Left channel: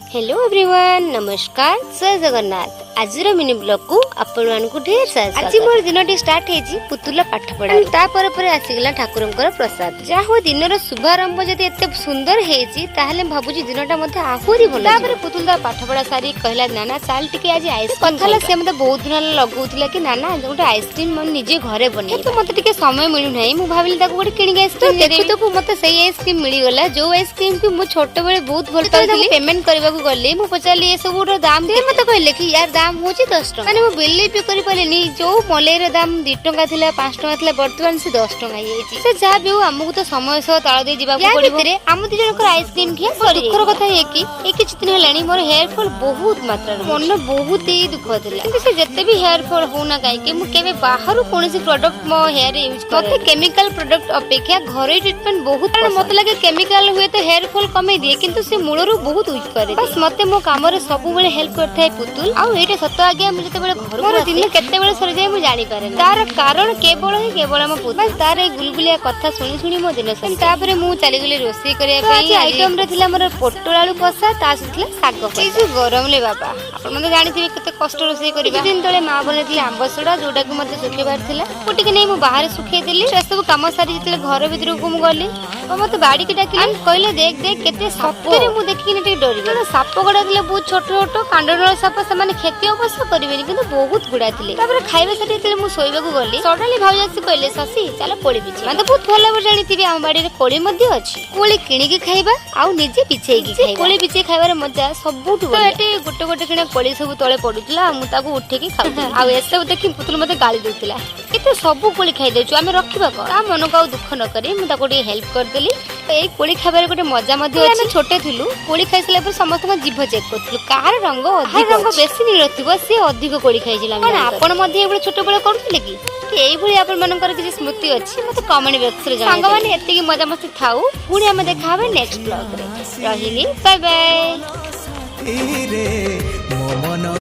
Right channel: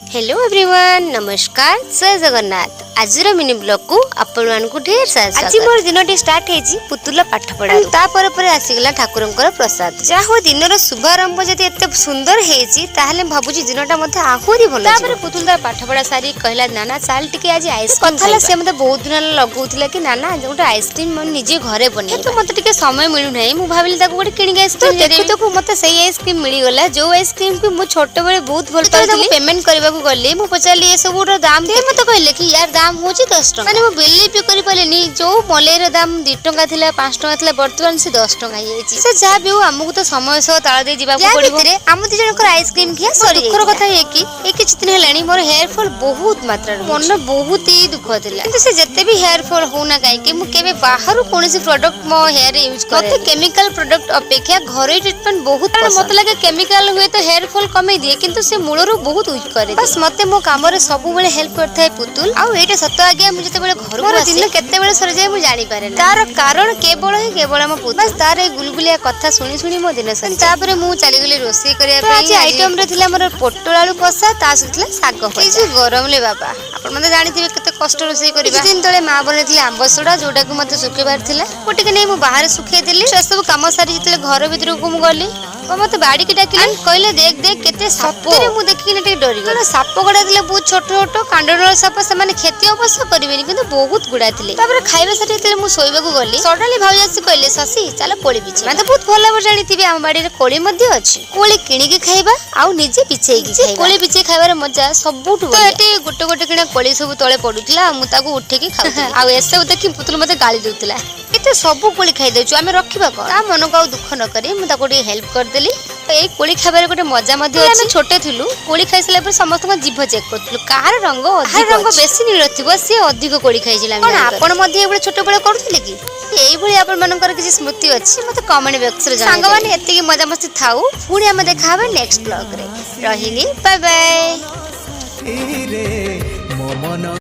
Hello everyone, नमस्कार, जय जगन्नाथ। आज मिनी ब्लॉग को आपण मानकु ढेर सारा आज मोर दिनटी स्टार्ट हेजी पुतुला पाठ पढ़ा ता परे आसीगला ठाकुरंकर प्रसाद जा हो दिनर शुभारंभ जति एते सुंदर हेजी ताहले भाबुजी दिनटा मते आहुरी भलो तापर पुतुला पाठ पढ़ा सारी कहला नाना चाल टिके आज आइसक्रीम कथाला से मते बहुत दिन लगौतिला कि नाना गोटे आइसक्रीम मन निजे घरे बने तो मते टिके समय मिलु नै मु भाबिली ताको गोटे किनि आइसक्रीम देखु तो मते सही आइसक्रीम मिली गला जो आइसक्रीम को मु छोटे बेले बहुत भल पाउली पेमेंट करबा को गले मु पचाली ए सब दाम ते मते कहले कि यार दाम होची 10 टका माने मु बिलीव भी करि पालेनी जो मलेर दाम 2 टका थिला 5 टका थिला वर्तमान से 10 टका हेची से जा भी हमहु तो समय सह ताळ दे जिबा को पड़िबो भितरे हम दी जनकर आइसक्रीम खिया सरी दुखर कथा हे कि ए किछ दिन हेलानी मोर हेयर फॉल बहुत मात्रा मन बहुत ही दुख थिला किंतु से जत्ते भी हेयर फॉल होना काई कि मु केबे बाहर कोनसी प्रोडक्ट मो हेयर यूज करे मते केमिकल प्रोडक्ट अपेक्षा घरे ट्रीटमेंट बहुत कारण मते लागे केमिकल हुए तो हेयर फॉल कमे दिए किंतु से मूलरो बहुत वीक करे बस मते मो काम रे सब बेले हेल्प करथाय पुतुल आ एटा सत्य आगे मु जते बेले घर मोर दिन केते बेले सर जाय मु जानि पारे तार कारण केवल मो पुतुल बस तार ए गुलगुलिया कथा सुनी सुनी मो दिन सर तापरे मु चली गेली रोसई करिया पे आइटम रे थिला मोर पोटल आलू कसा ता सुतला साग ए जे गरम ले बाबा आपण मते जानिथिबे केते कष्ट रोसई करिबा दिन तळे मा बनेथिला आंब सोडा जोटा को मते सुखेबार थिला कोटिके नै मु बाहर सुखे दिली से सब काम सारी जते घर भीतर को मु गली मते बाड़ी के डाकिले कहले देख देख केते साप रे मु देखि ने डरी गलो साप गडा दिले बहुत छोट छोट कांडनर साप से माने खेती अवश्य करबेनी किंतु बहुत गुडा थिले तापर खाइबा सारी थिले मु सोइबा को गली सडनली भाउजासी कहले ससी चला कोली बिचे माने बहुत भला जानि थिबे हम बाड़ी रे कोली मध्ये अछि कोली किणी के खाइबा आउ निजे बिचेई के खाइबा कोली बिचे खाइबार मजा सबुठ तो एते गोटे गोटे किना कोली सब तळे पडुतला मु ताको उठे के खाउ आ एसे देखि पुतुल मते गाली देउतला एते सब कोली खाइ देछु आमे रखिबा को ता मन को दुख न करी मु ताको डी हेल्प कर देली ए कोली खाबार गोटे मजा मध्ये अछि हम छोटे थिलु कोली खाइसला पर समस्त जीभ चेक करथलु कार रंग अधिक रंग बेसी नीलथिबो से अधिक कोली खाइसिला कोन आपण मध्ये एबे छोटे बेले करथले कि एई भली आपण मानकर किछि स्मृति अछि मते कमेंट बॉक्स रे जणाइ संग माने एते की मजा मस्ती थाउ पुणी हम देखा हबे नेक्स्ट ब्लॉग रे रहिली बाय बाय।